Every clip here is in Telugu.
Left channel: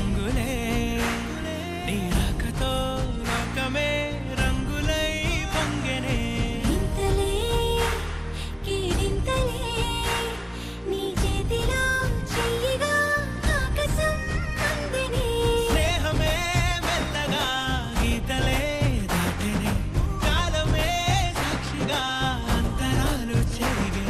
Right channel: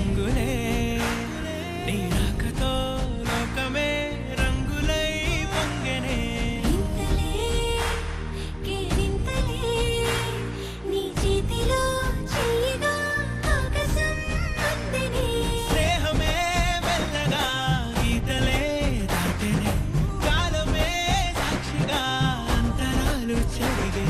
రంగులే నీ రాకతో లోకమే రంగులై పొంగెనే స్నేహమే మెల్లగా గీతలే దాటెనే కాలమే సాక్షిగా అంతరాలు చెరిగే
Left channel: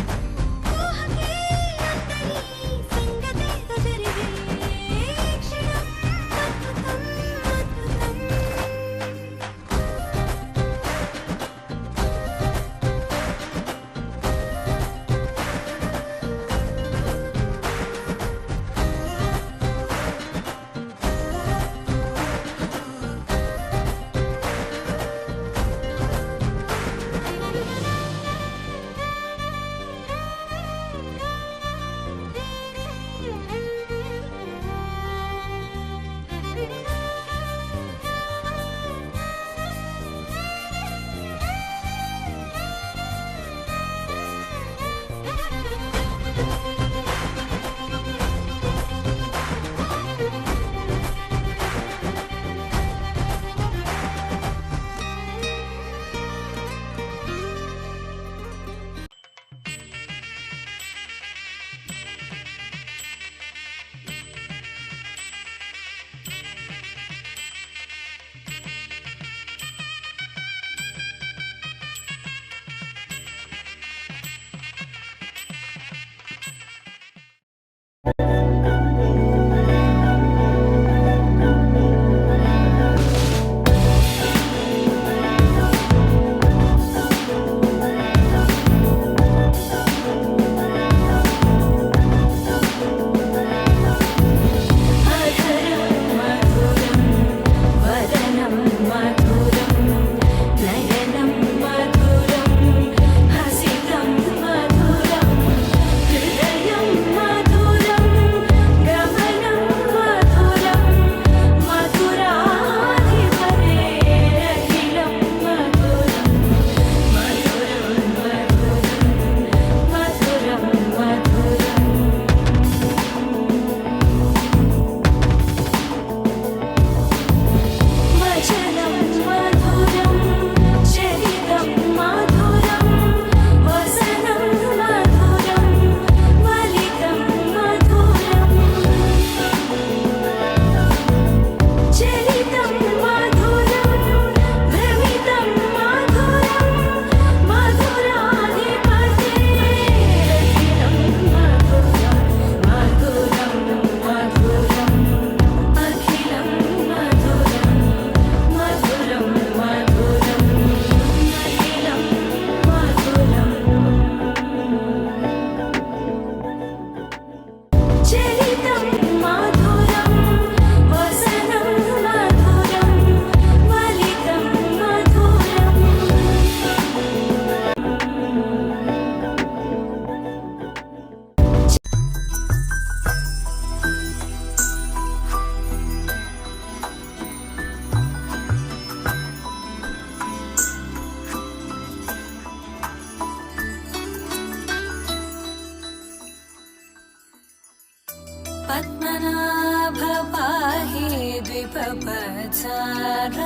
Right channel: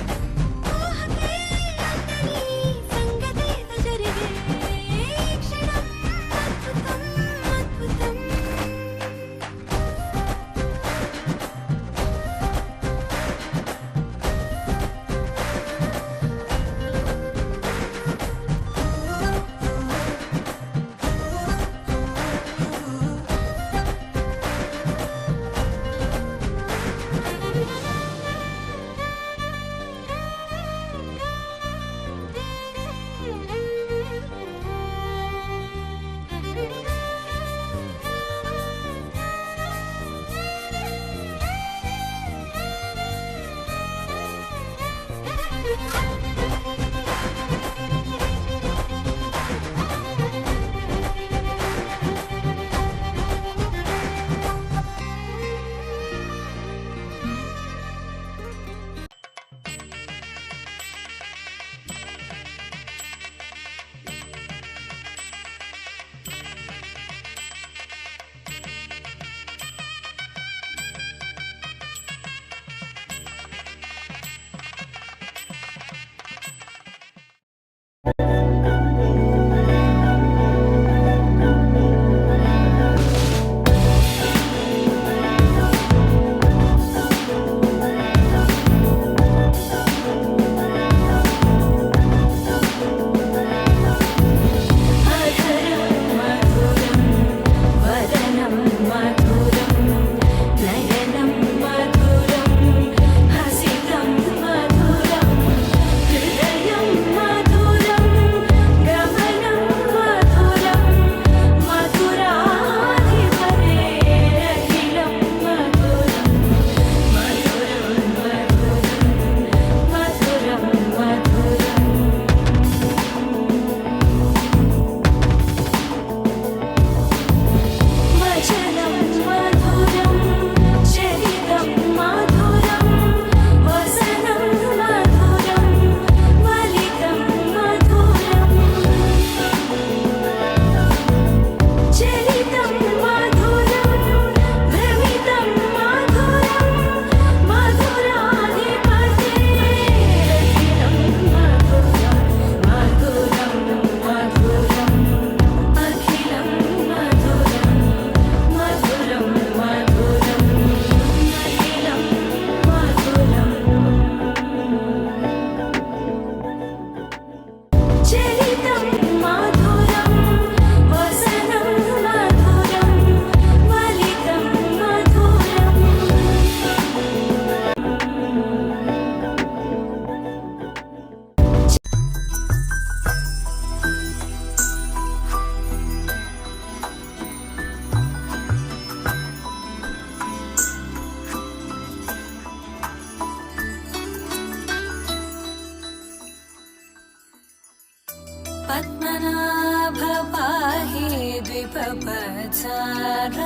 पद्मनाभ पाहि द्विपपचार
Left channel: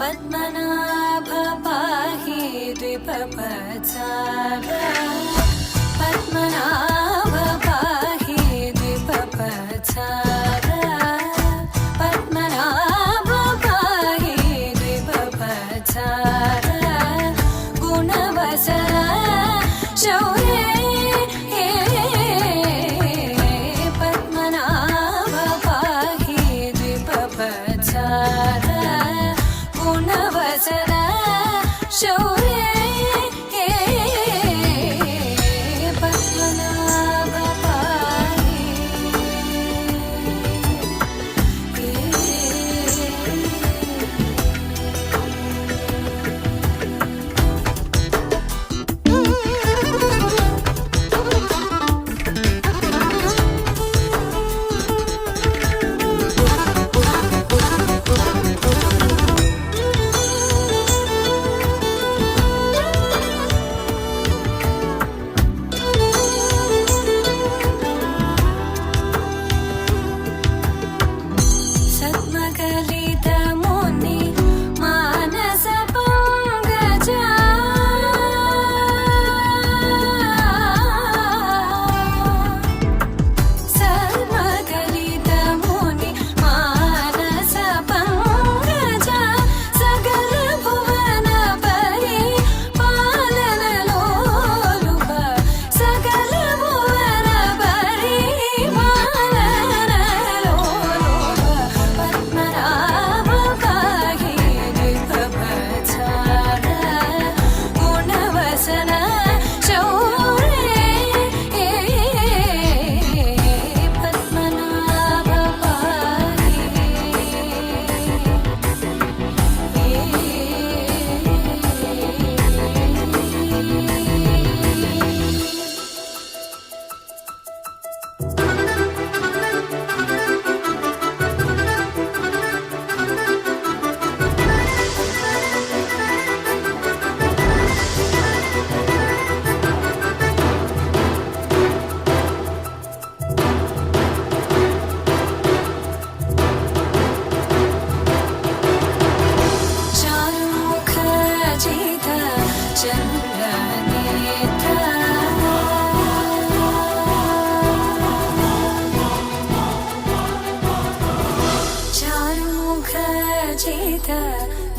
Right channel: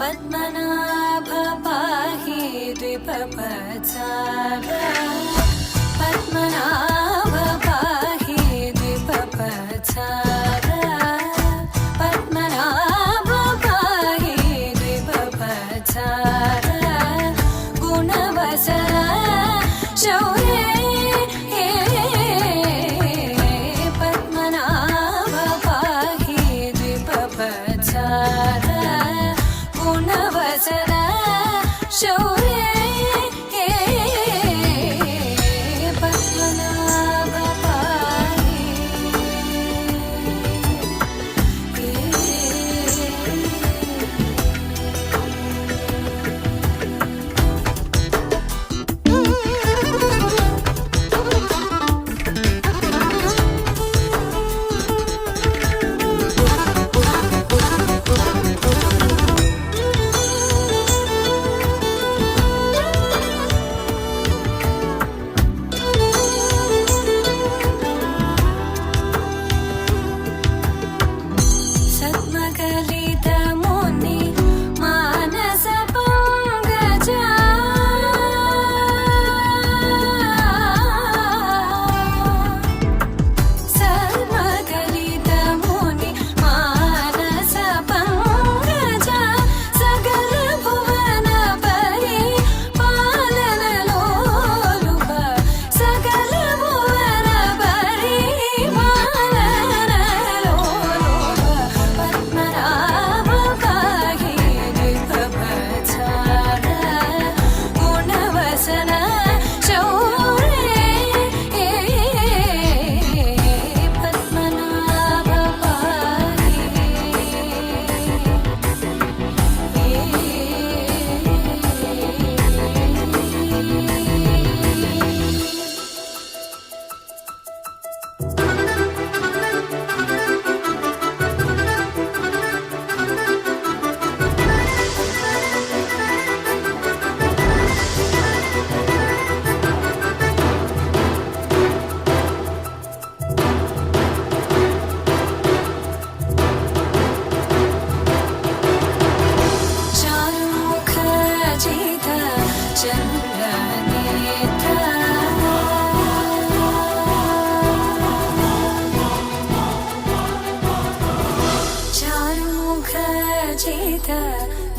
पद्मनाभ पाहि द्विपपचार पद्मनाभ पाहि द्विपपचार पद्मनाभ पाहि द्विपपचार गुणवसर शौर्य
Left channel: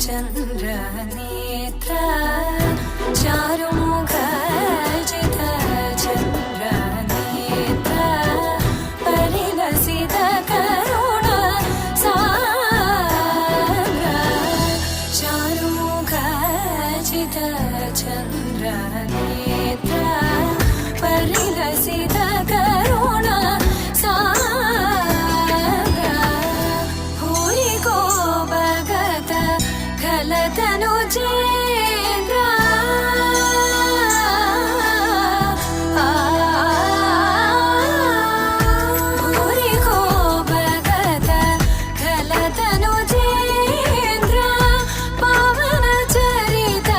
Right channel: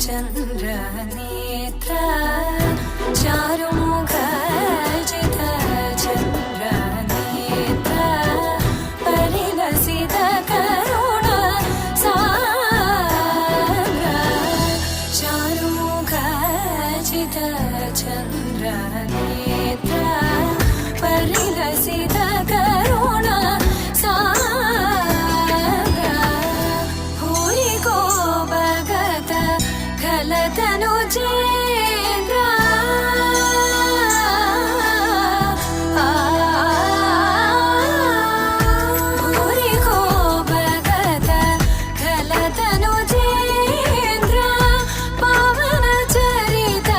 चन्द्रनेत्र चारुमुखजित चन्द्रनेत्र परिलसित करुण सान्द्र चारुमुखजित चन्द्रनेत्र परिलसित करुण सान्द्र भूरि को भगत खलतनु चेन्द्र भूरि को भगत खलतनु चेन्द्र पावन चरित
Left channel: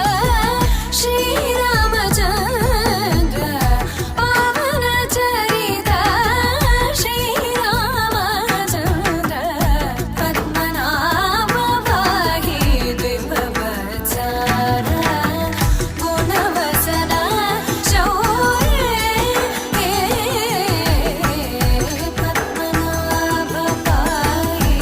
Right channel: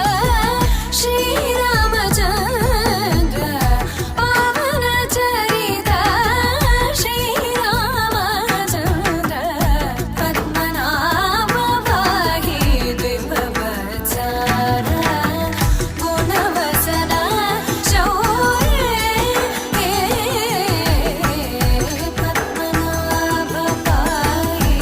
श्रीरामचन्द्र पावन चरित श्रीरामचन्द्र पद्मनाभ पाहि द्विभवत्सर गुणवसन शौर्ये पद्मनाभ पाहि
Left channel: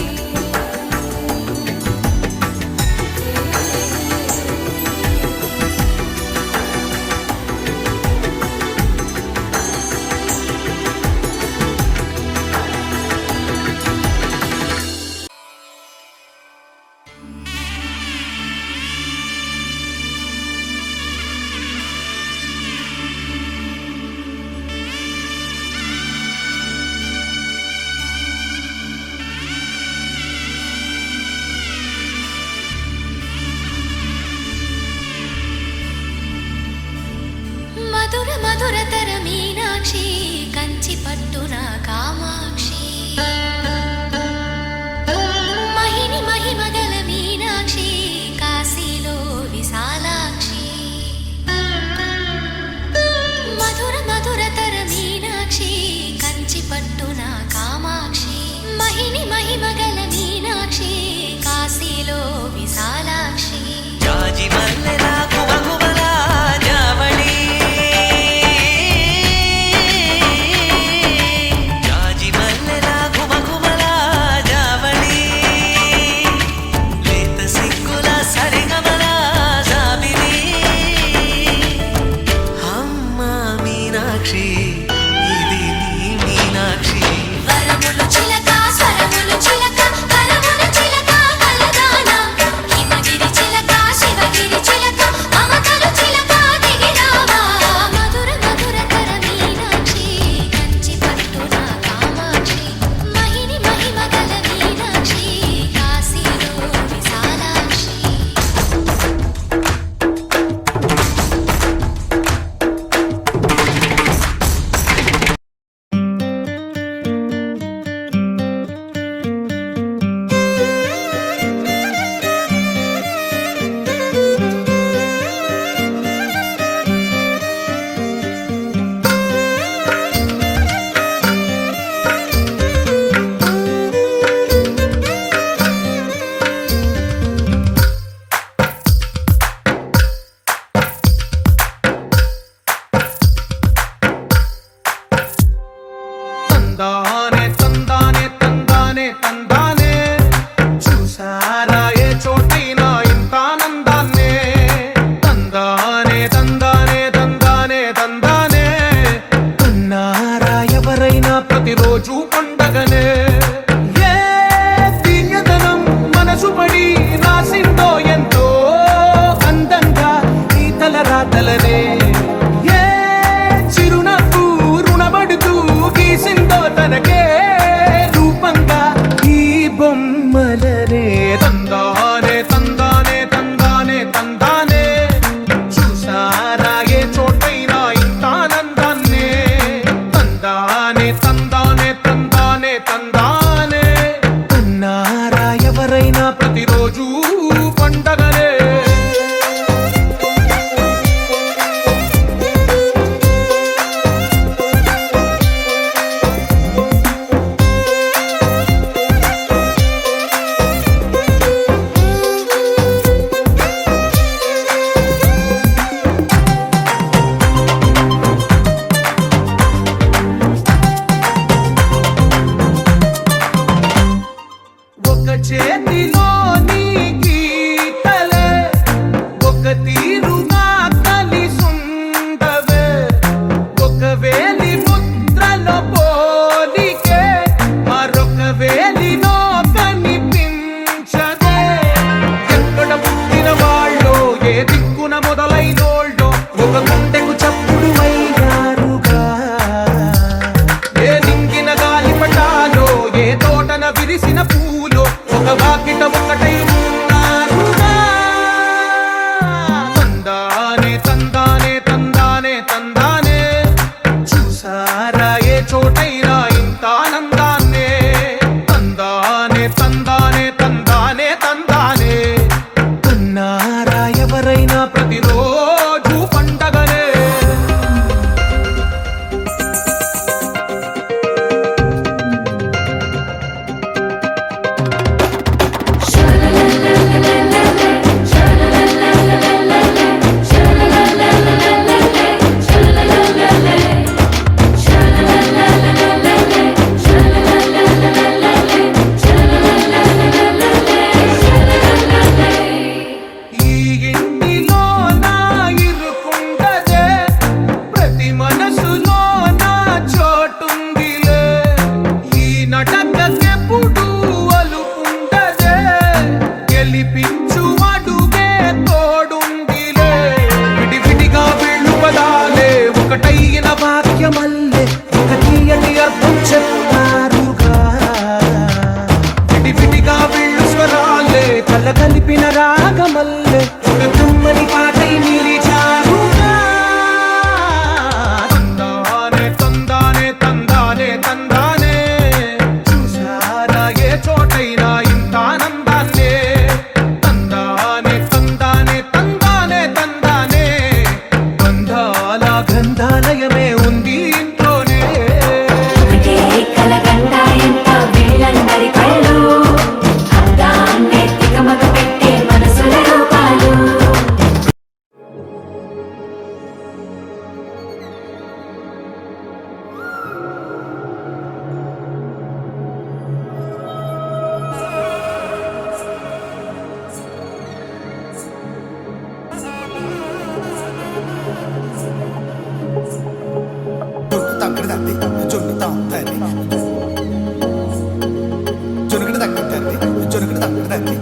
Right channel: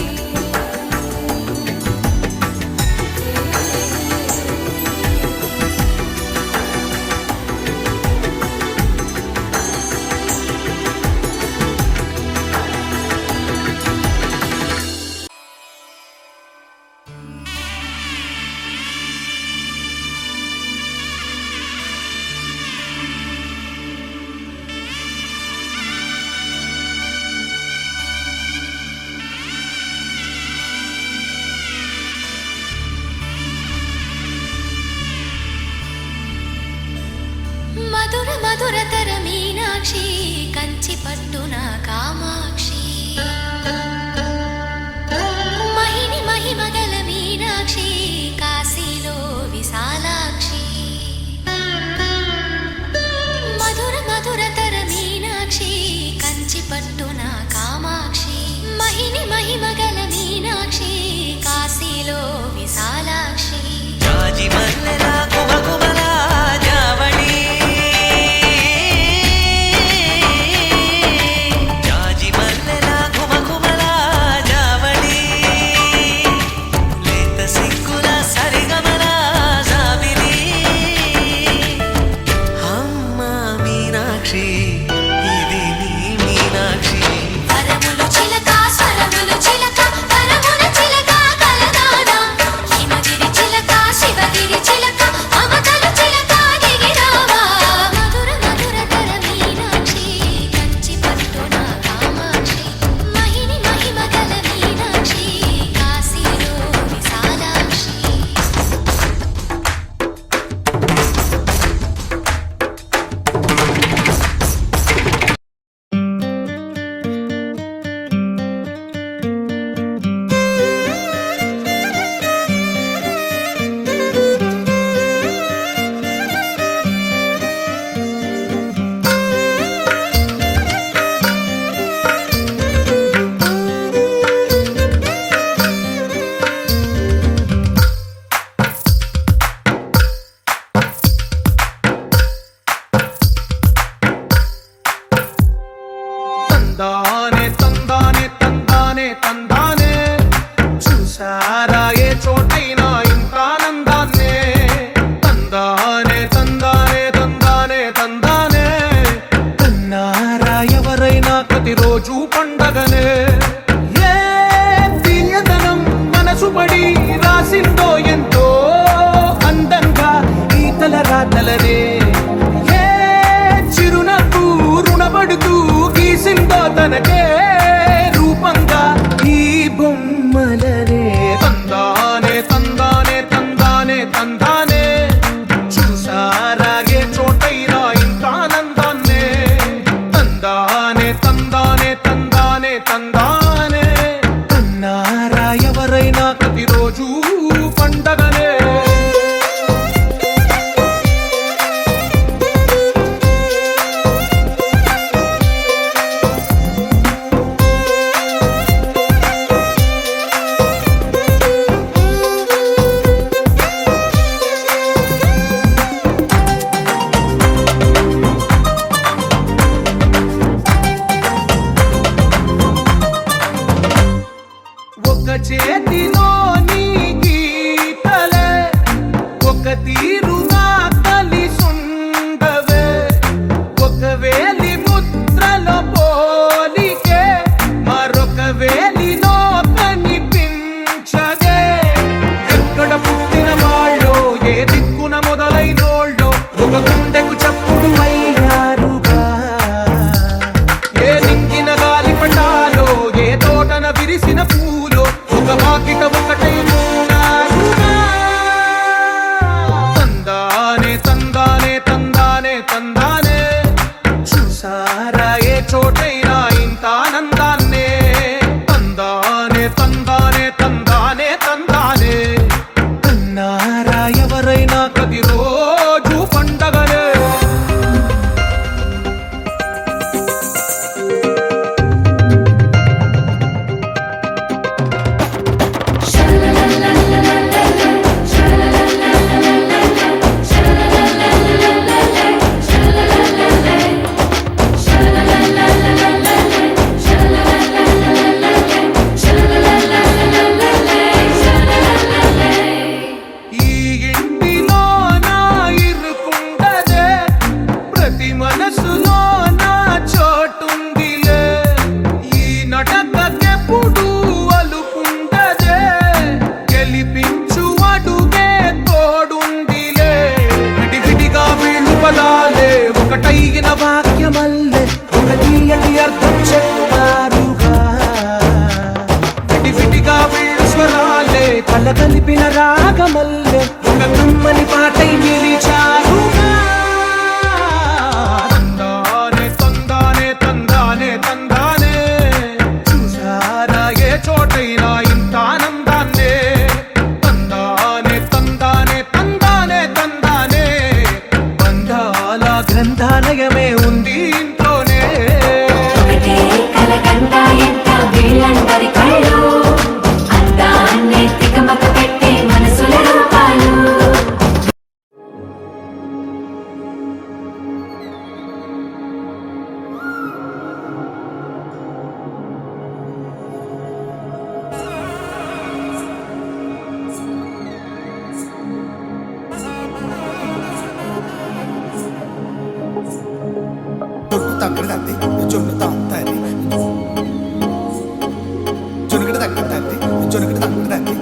మధుర మధురతర మీనాక్షి కంచి పట్టున కామాక్షి మహిని మహిమగల మీనాక్షి కాశీలో విశాలాక్షి మధుర మధురతర మీనాక్షి కంచి పట్టున కామాక్షి మహిని మహిమగల మీనాక్షి కాశీలో విశాలాక్షి జాజి మల్లెల కుమకుమల జావళి జాజి మల్లెల కుమకుమల జావళి లేత సిగ్గుల సరిగమల జాబిలి అమ్మ మీనాక్షి ఇది నీ మీనాక్షి వరములు చిలక స్వరములు చిలక కలమున చిలక కలదానా హిమగిరి చిలక శివగిరి చిలక మమతలు చిలక దిగిరావా మధుర మధురతర మీనాక్షి కంచి పట్టున కామాక్షి మహిని మహిమగల మీనాక్షి కాశీలో విశాలాక్షి తందానే తందానే తందానే తందానే చూసారా ఏ చోటైనా ఇంత ఆనందాన్నే తందానే తందానే తందానే తందానే కన్నారా ఎవరైనా ప్రతిరోజు పండగనే ఏ తీయదనం మనసు పడి రాసిందో ఎంతో అందంగా ఈ తలరాతలనే ఏ చిరునవ్వు రుణపడుతూ గీసిందో తనకే రూపంగా ఈ బొమ్మలనే తందానే తందానే తందానే తందానే చూసారా ఏ చోటైనా ఇంత ఆనందాన్నే తందానే తందానే తందానే తందానే కన్నారా ఎవరైనా ప్రతిరోజు పండగనే చేతిలో నీ తీరుగా కలిసుండవే ఒక వేలి ముద్రలో పోలికే మరొక వేలిలో కనిపించదే ఎక్కడ పుట్టిన వాళ్ళో ఏ దిక్కున మొదలైనోళ్ళో ఒక గుండెకు చప్పుడు అయ్యారుగా ఏ నింగిన గాలి పటాలో ఏ తోటన విరిసిన పూలో ఒక వాకిట ఒకటై ఉన్నారుగా తందానే తందానే తందానే తందానే చూసారా ఏ చోటైనా ఇంత ఆనందాన్నే తందానే తందానే తందానే తందానే కన్నారా ఎవరైనా ప్రతిరోజు పండగనే ఈ ఇంటిలో నా ఇరుకుండదే ప్రతి మనసులో నా చోటుందిలే ఈ నటకెప్పుడు అలుకుండదే గెలిపించు అడుగే తోడుందిలే విడివిడిగా వీళ్ళు పదాలే ఒకటైన వాక్యమల్లే ఒక తీయటి అర్థం చెప్పారుగా విడివిడిగా వీళ్ళు స్వరాలే కలగలిపిన రాగమల్లే ఒక కమ్మని పాటై నిలిచారుగా తందానే తందానే తందానే తందానే చూసారా ఏ చోటైనా ఇంత ఆనందాన్నే తందానే తందానే తందానే తందానే బంధాల గ్రంథాలయమే ఉంది ఇంట్లోనే కలకండ ఎంత వీళ్ళందరి కళ్ళు అందాన్నే తికమక పెట్టే మనసుల రూపాలు జొన్ను తక్కడి తద్ది జొన్ను తాంతది జొనుకడి తక్కడి తద్ది జొనుకడి తక్కడి తద్ది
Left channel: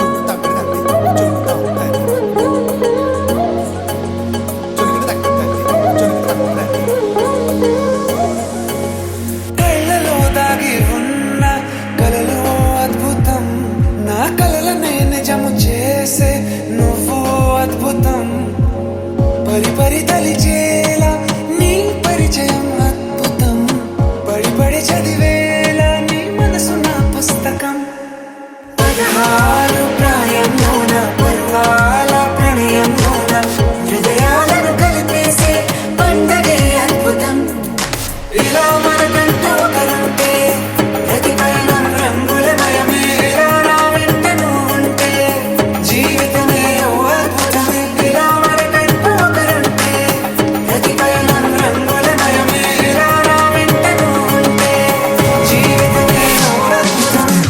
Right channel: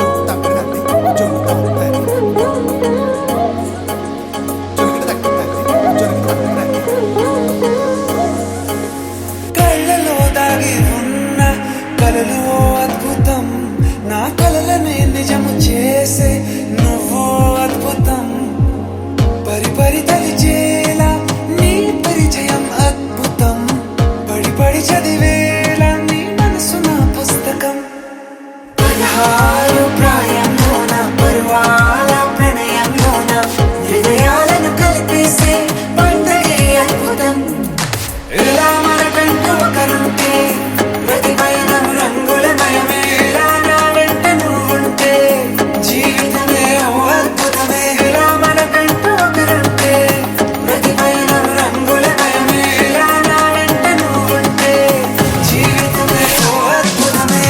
జొన్ను తక్కడి తద్ది జొన్ను తాంతది జొనుకడి తక్కడి తద్ది జొనుకడి తక్కడి తద్ది కళ్ళలో దాగి ఉన్న కలలో అద్భుతం నా కలలనే నిజము చేసే నువ్వు అద్భుతం పరి పరి తలిచేలా నీ పరిచయం అద్భుతం పడి పడి చదివేలా నీ మనసు నా పుస్తకం 16 ప్రాయంలోన పర్వాల ప్రణయంలోన హృదయాలను కలిపేసే పండగే అద్భుతం ఇలా మనకంటూ ఒకరుంటే ప్రతి పయనం రంగులమయమే ఇలా నా వెంట నువ్వుంటే జీవితమే ఓ అద్భుతమే ఇలా మనకంటూ ఒకరుంటే ప్రతి పయనం రంగులమయమే ఇలా నా వెంట నువ్వుంటే జీవితమే ఓ అద్భుతమే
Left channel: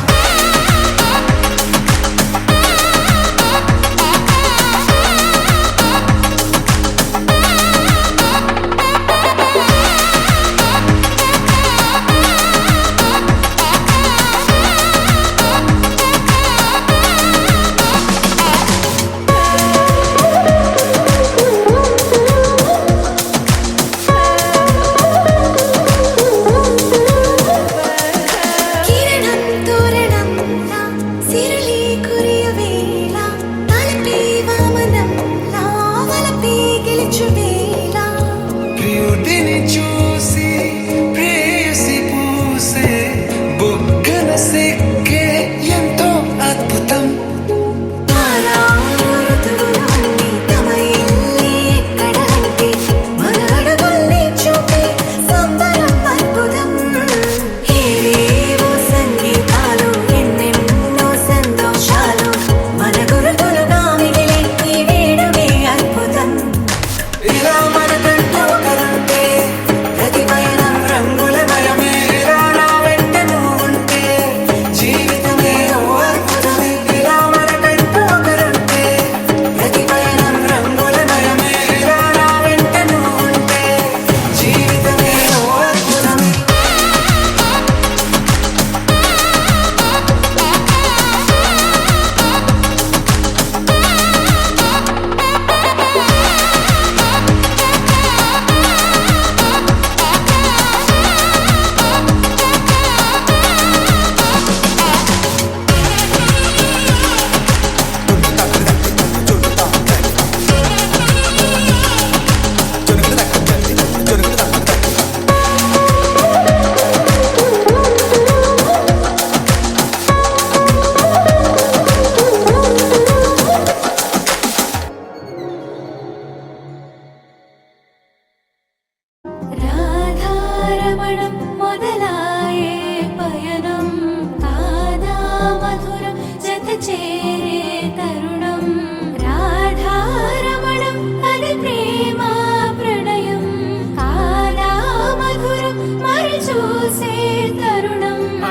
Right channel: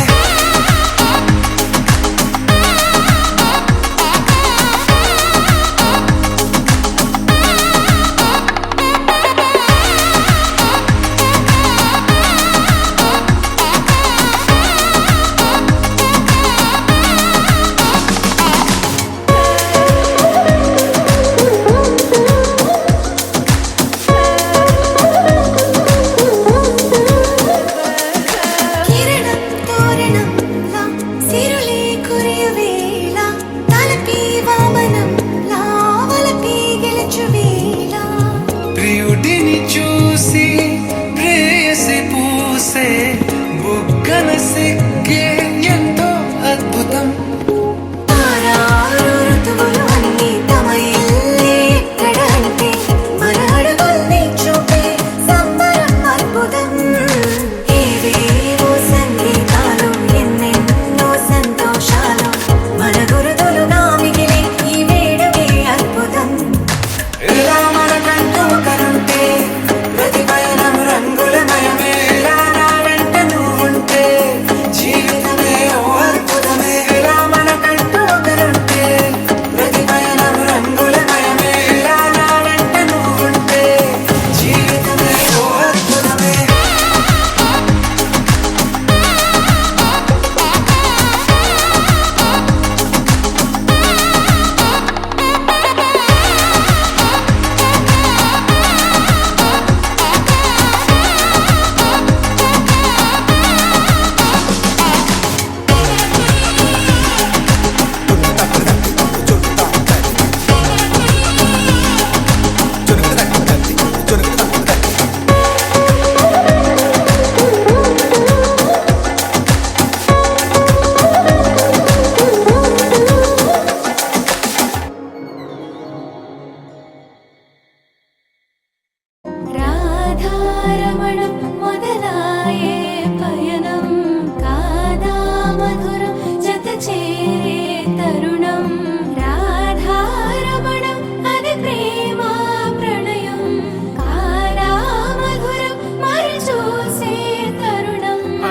కిరణం తోరణంలా సిరులే కురియవేళ తలపి వామనంలా వలపి గెలుచువేళ ప్రియుడిని చూసి ప్రేయసి పూసే బుగ్గన సిగ్గే ఎంతో అద్భుతం తారారు ఋతువులు అన్నీ తమ ఇల్లే ఎక్కడంటే మన అడుగుల్ని చూపే సంబరం అద్భుతం ఏవేవో సంగీతాలు ఎన్నెన్నో సంతోషాలు మన గురుతులుగా మిగిలే ఈ వేడుకే అద్భుతం ఇలా మనకంటూ ఒకరుంటే ప్రతి పయనం రంగులమయమే ఇలా నా వెంట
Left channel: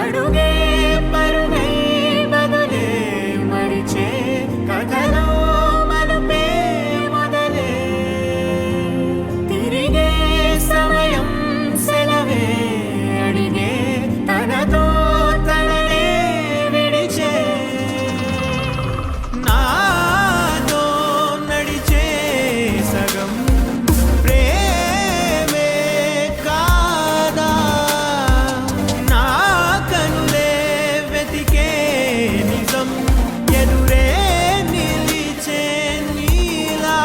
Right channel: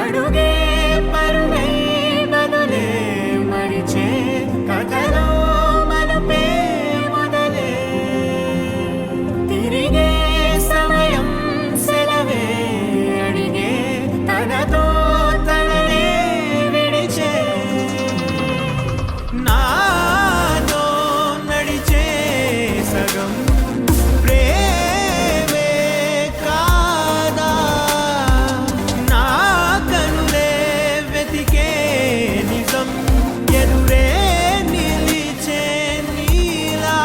అడుగే పరుగై బదులే మరిచే కథలో మలుపే మొదలే తిరిగే సమయం సెలవే అడిగే తనతో తననే విడిచే నాతో నడిచే సగం ప్రేమే కాదా నా కనులే వెతికే నిజం ఎదురే నిలిచే నీలా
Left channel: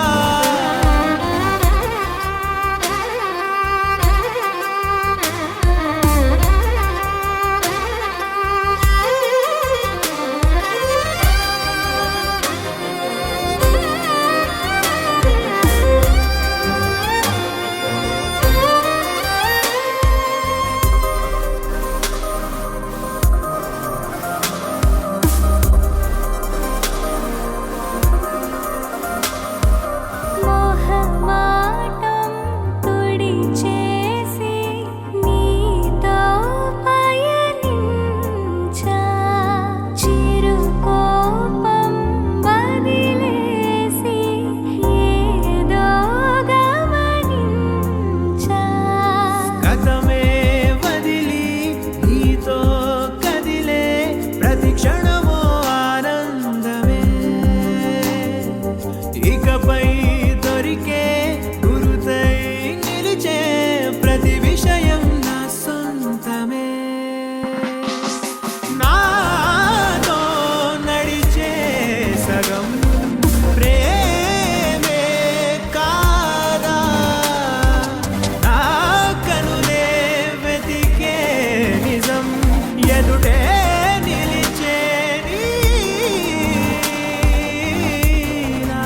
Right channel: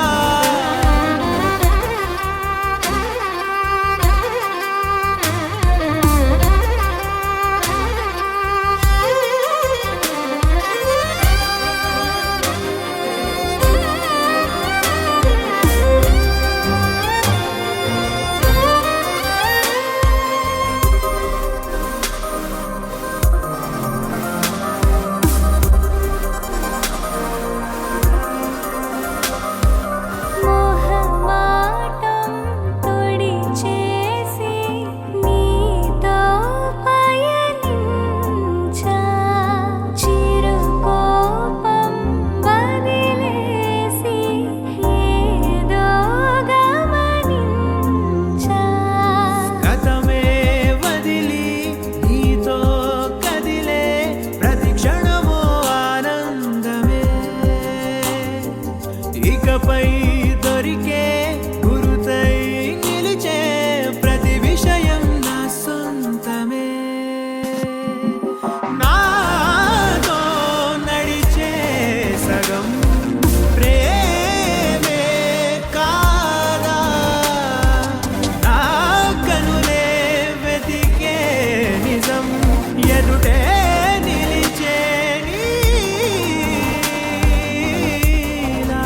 మోహమాటం తొడి చేసి నీతో పయనించా చిరుకోపం వదిలేసి ఏదో గమనించా గతమే వదిలి నీతో కదిలే ప్రతి క్షణమో ఆనందమే ఇకపై దొరికే గురుతై నిలిచే ప్రతి విషయం నా సొంతమే నాతో నడిచే సగం ప్రేమే కాదా నా కనులే వెతికే నిజం ఎదుటే నిలిచే నీలా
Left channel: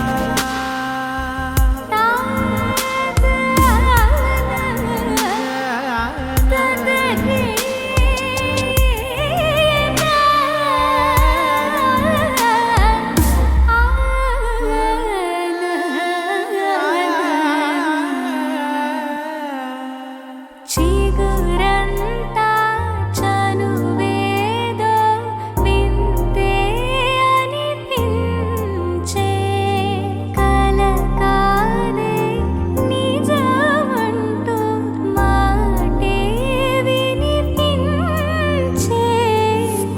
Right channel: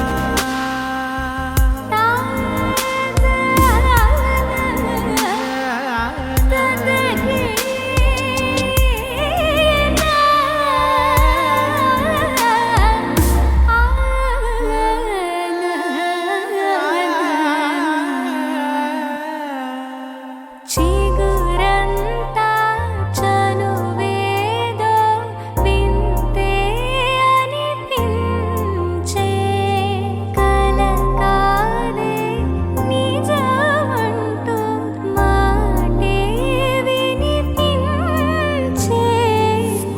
చిగురంతా చనువేదో వింతే అనిపించే కల కాదే నిజమంటూ మాటే వినిపించే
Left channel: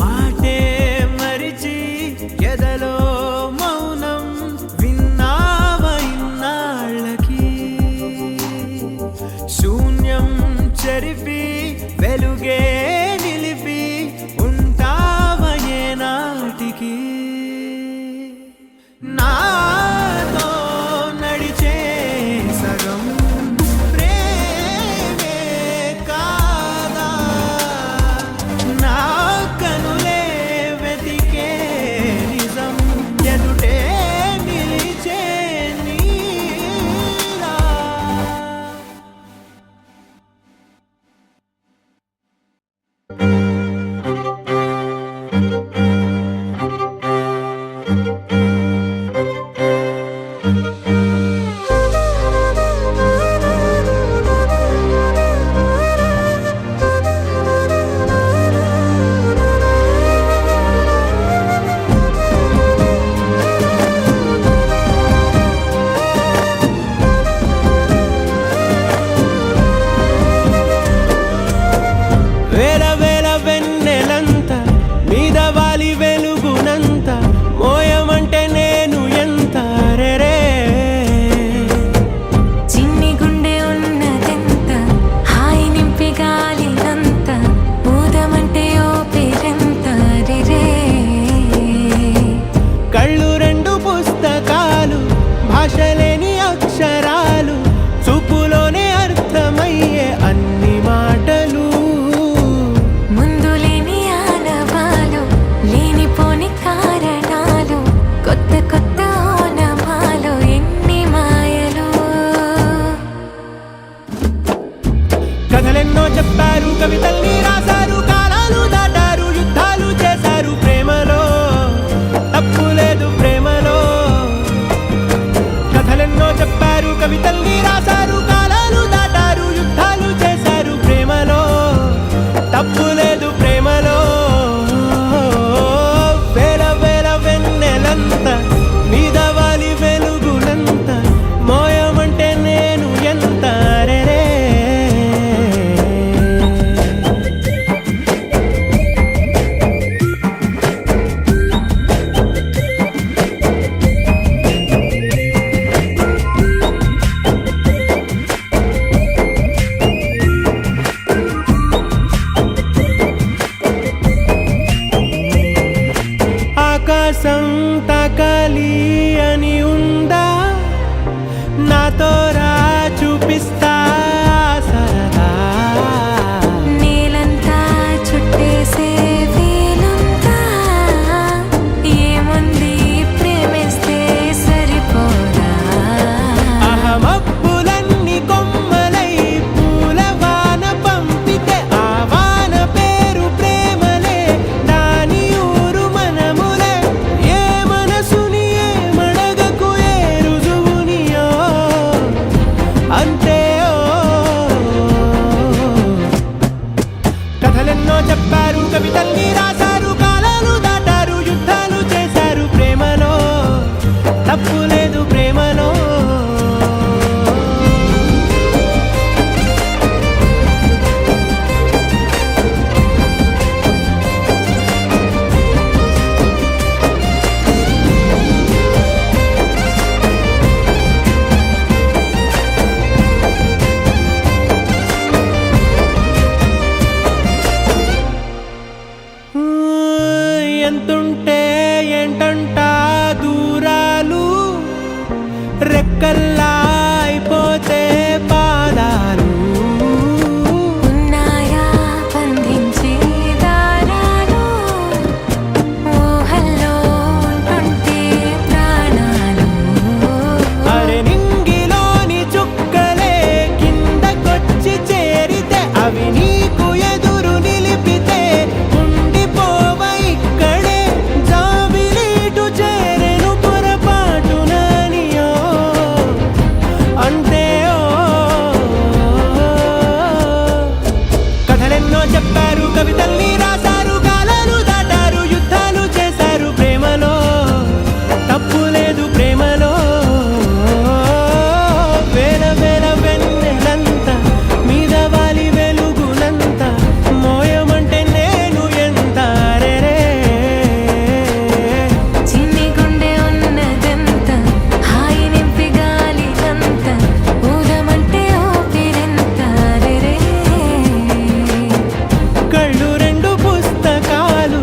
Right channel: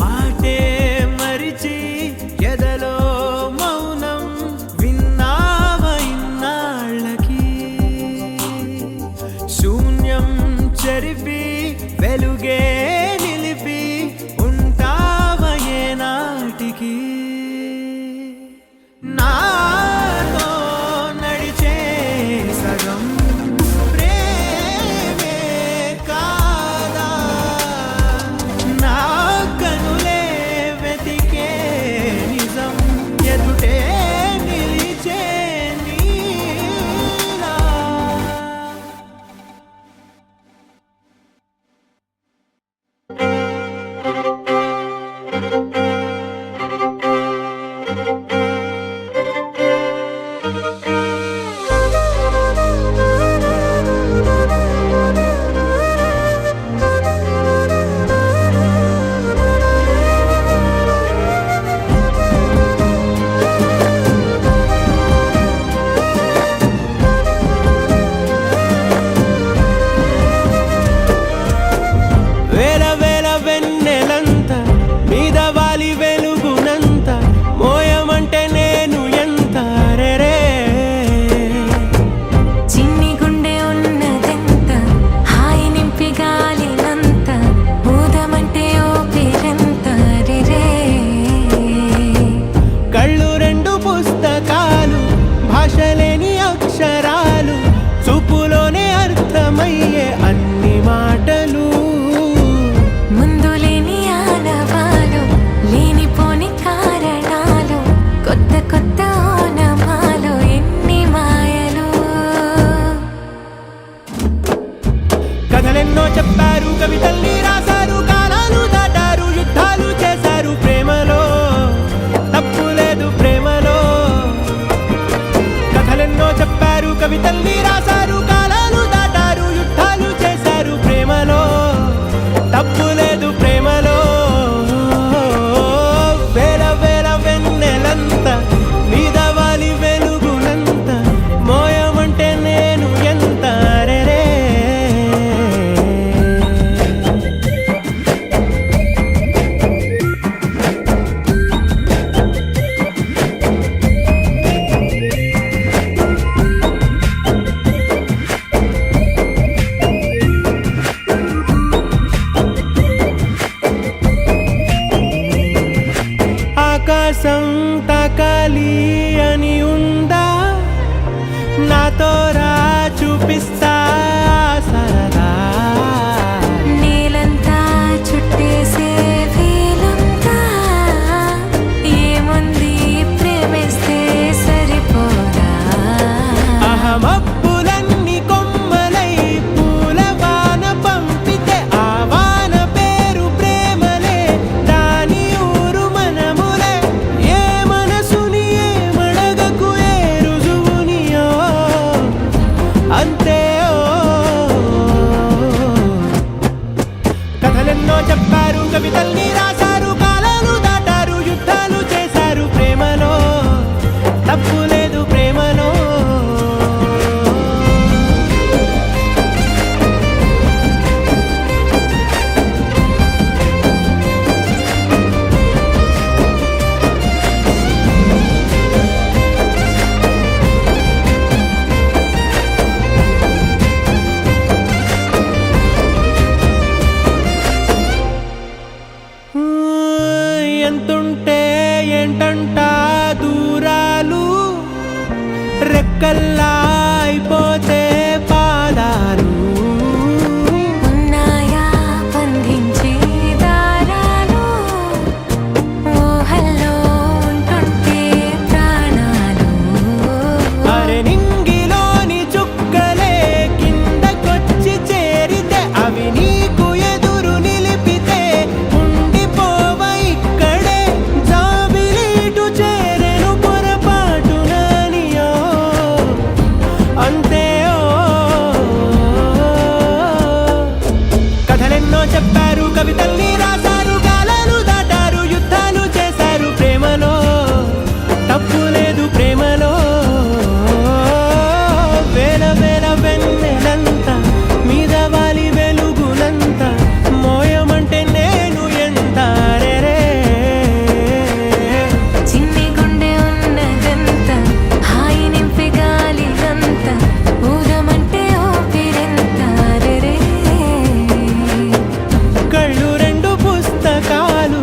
మాటే మరిచి ఎదలో మౌనం విన్నావ ఇన్నాళ్ళకి శూన్యం చెరిపి వెలుగే నిలిపి ఉంటావ ఏనాటికి నాతో నడిచే సగం ప్రేమే కాదా నా కనులే వెతికే నిజం ఎదుటే నిలిచే నీలా వేల వేల వెన్నెలంత మీద వాలి వెలుగునంత మోయమంటే నేను ఎంత రెరే చిన్ని గుండె ఉన్నదెంత హాయి నింపి గాలినంత ఊదమంటే ఓపిరెంత రే కళ్ళు రెండు పుస్తకాలు భాషలేని అక్షరాలు చూపులోనే అర్థమయ్యే అన్ని మాటలు ముందు లేని ఆనవాలు లేనిపోని కారణాలు కొత్త కొత్త ఓనమాలు ఎన్ని మాయలు కథలెన్నో చెప్పారు కవితల్ని రాశారు కాలాలు దాటారు యుద్ధాలు చేశారు ప్రేమలో తప్పు లేదు ప్రేమలో కథలెన్నో చెప్పారు కవితల్ని రాశారు కాలాలు దాటారు యుద్ధాలు చేశారు ప్రేమలో తప్పు లేదు ప్రేమలో ఆకాశం తాకాలి అని ఉందా నాతో రా చూపిస్తా సరదా నేలంతా చుట్టేసే వీలుందా ఏముంది ప్రేమిస్తే సరిపోదా అహమప్పులన్నీ కొమ్మలై పూలవాన పంపితే ఆ వాన పేరు ప్రేమలే దాని ఊరు మనములే ఏ మనసుని ఏ మడగకు ఏ రుజువునియో అంతే కథలెన్నో చెప్పారు కవితల్ని రాశారు కాలాలు దాటారు యుద్ధాలు చేశారు ప్రేమలో తప్పు లేదు ప్రేమలో ఎంతుంటే ఏంటంట దూరాలు రెక్కల్లా అయిపోతే పాదాలు ఉన్నాయా బంధించే దారాలు ఊహల్లో ఉంటుంటే ప్రాణాలు అరే నింగిలోని చుక్కలే కిందకొచ్చి చేరితే అవి నీకు ఎదురు నిలిపితే ఉండిపోవ ఇక్కడే జాబిలీటు చేరెను పొరపాటు నానియో అంతే కథలెన్నో చెప్పారు కవితల్ని రాశారు కాలాలు దాటారు యుద్ధాలు చేశారు ప్రేమలో తప్పు లేదు ప్రేమలో వేల వేల వెన్నెలంతా మీద వాలి వెలుగునంత మోయమంటే నేను ఎంత రే చిన్ని గుండె ఉన్నదంత హాయి నింపి గాలినంత ఊదమంటే ఊపిరెంత రే కళ్ళు రెండు పుస్తకాలు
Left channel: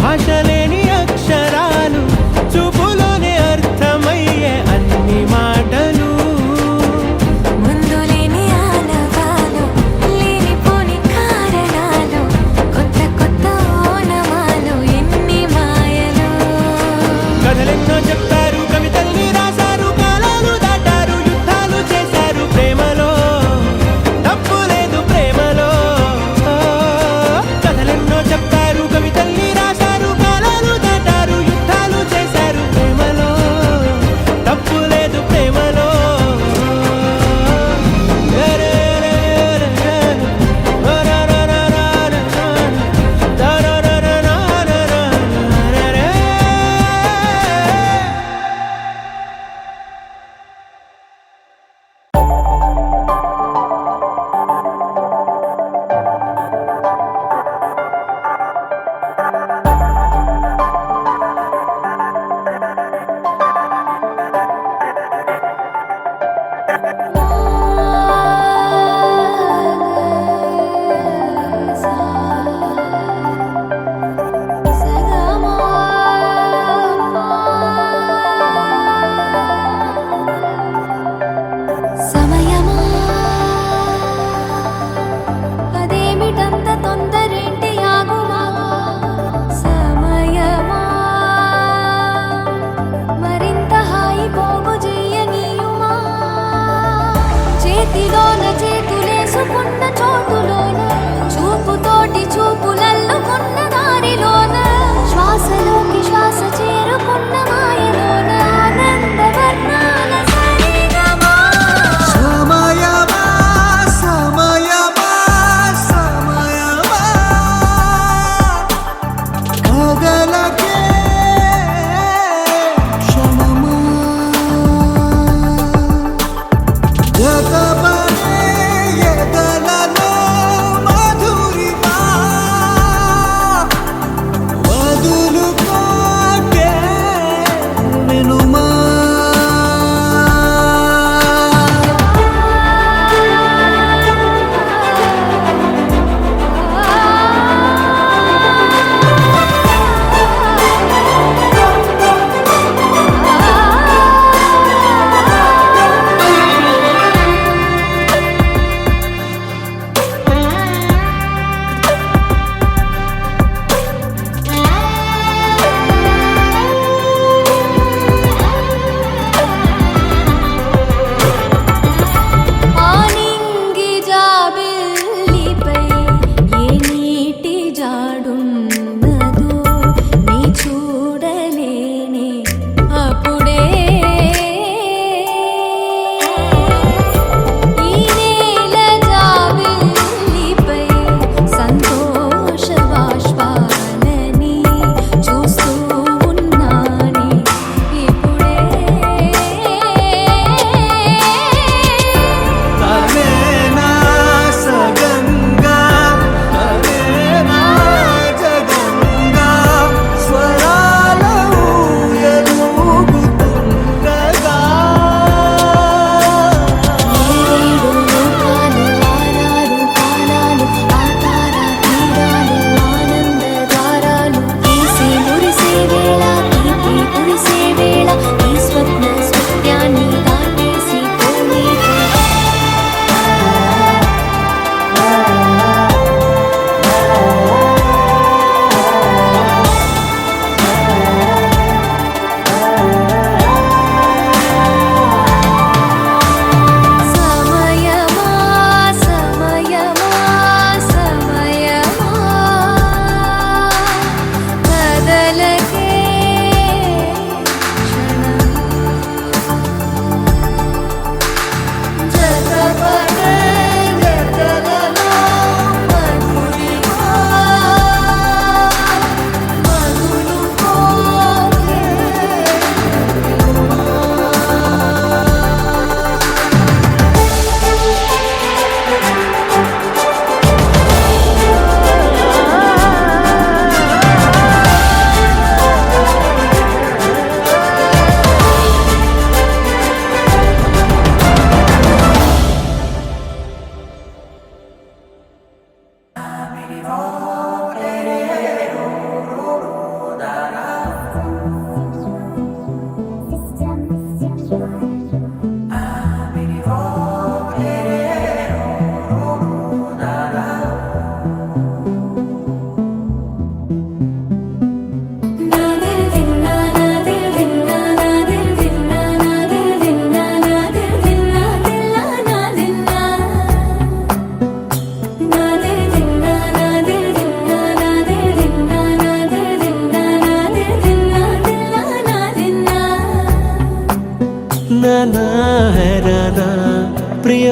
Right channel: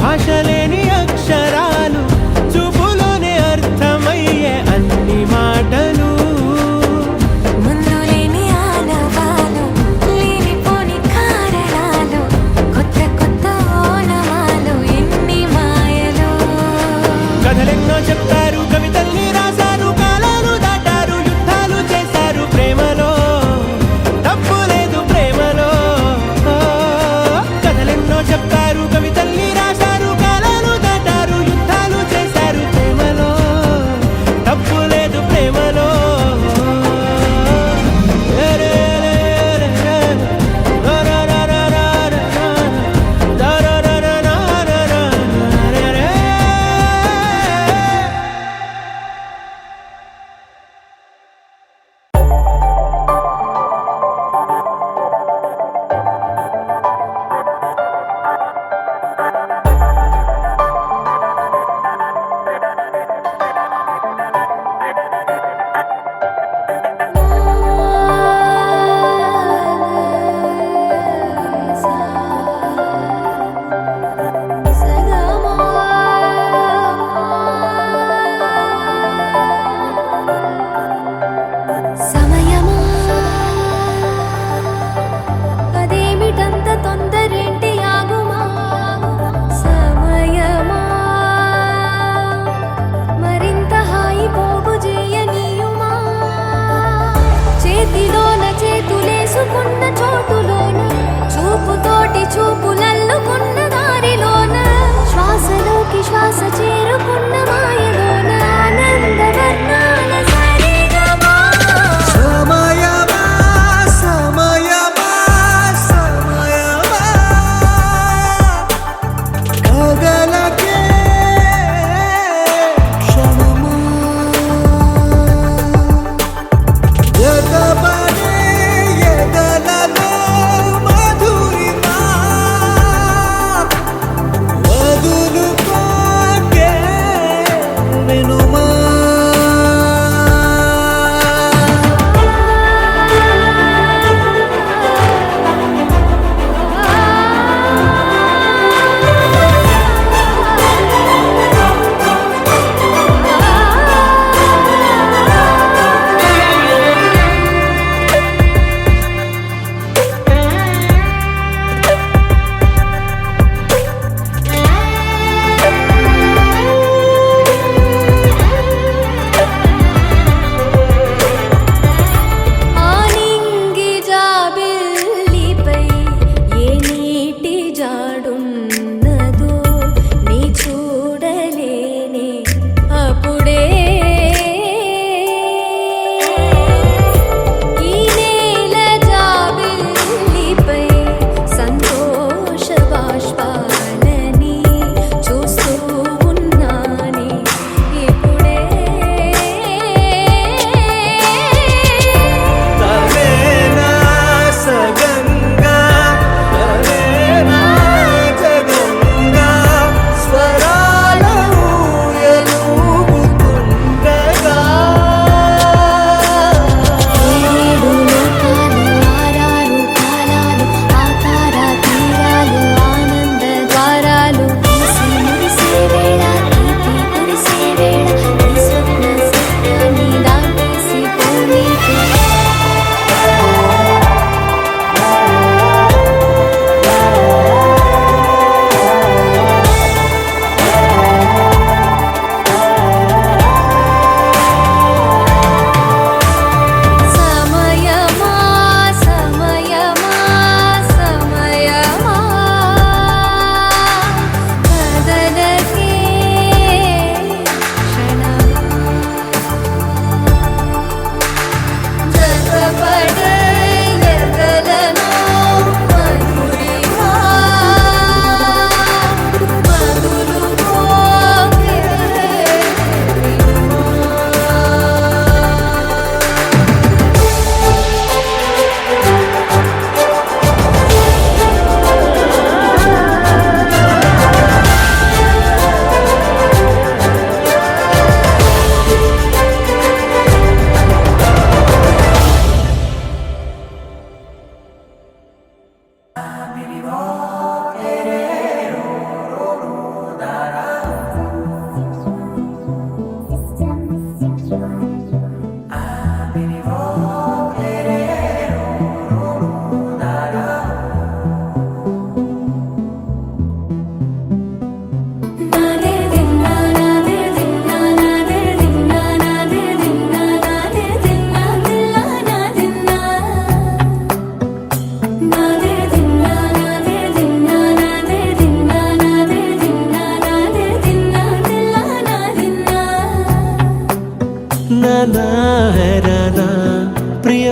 భాష లేని అక్షరాలు చూపులోనే అర్థమయ్యే అన్ని మాటలు ముందు లేని ఆనవాలు లేనిపోని కారణాలు కొత్త కొత్త ఓనమాలు ఎన్ని మాయలు కథలెన్నో చెప్తారు కవితల్ని రాశారు కాలాలు దాటారు యుద్ధాలు చేశారు ప్రేమలో తప్పు లేదు ప్రేమలో కథలెన్నో చెప్తారు కవితల్ని రాశారు కాలాలు దాటారు యుద్ధాలు చేశారు ప్రేమలో తప్పు లేదు ప్రేమలో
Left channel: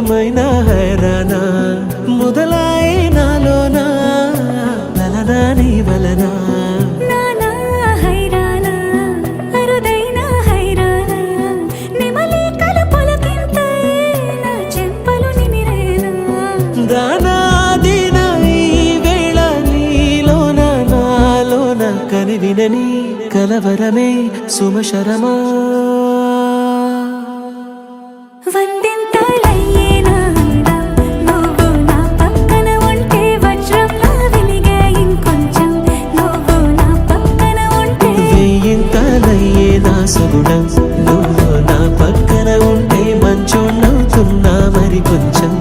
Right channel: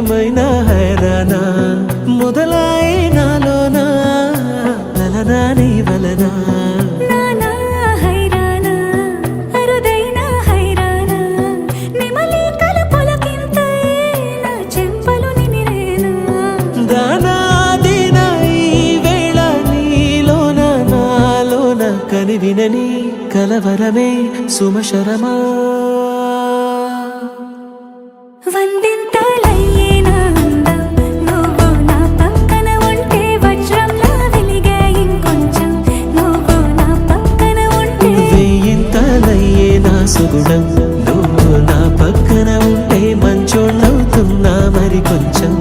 నిజమైన హైరానా మొదలాయే నాలోనా లలనా నీ వలనా నానా హైరానా అరుదైన హైరానా నెమలి కలుపులకింతై నా చెంపలు నిమిరేనా దానా దినా ఈ వేళ నీలోన నాలోన కనివినని కలవరమే సుమశరమా వందింతలయ్యే నా అందం నువ్వు నా పక్కన ఉంటే వజ్రంలా వెలిగే ఇంకొంచెం నువ్వు నా పక్కన ఉంటే వేయింతలయ్యే నా సుగుణం నువ్వు నా పక్కన ఉంటే మంచోణ్ణవుతున్నా మరి కొంచెం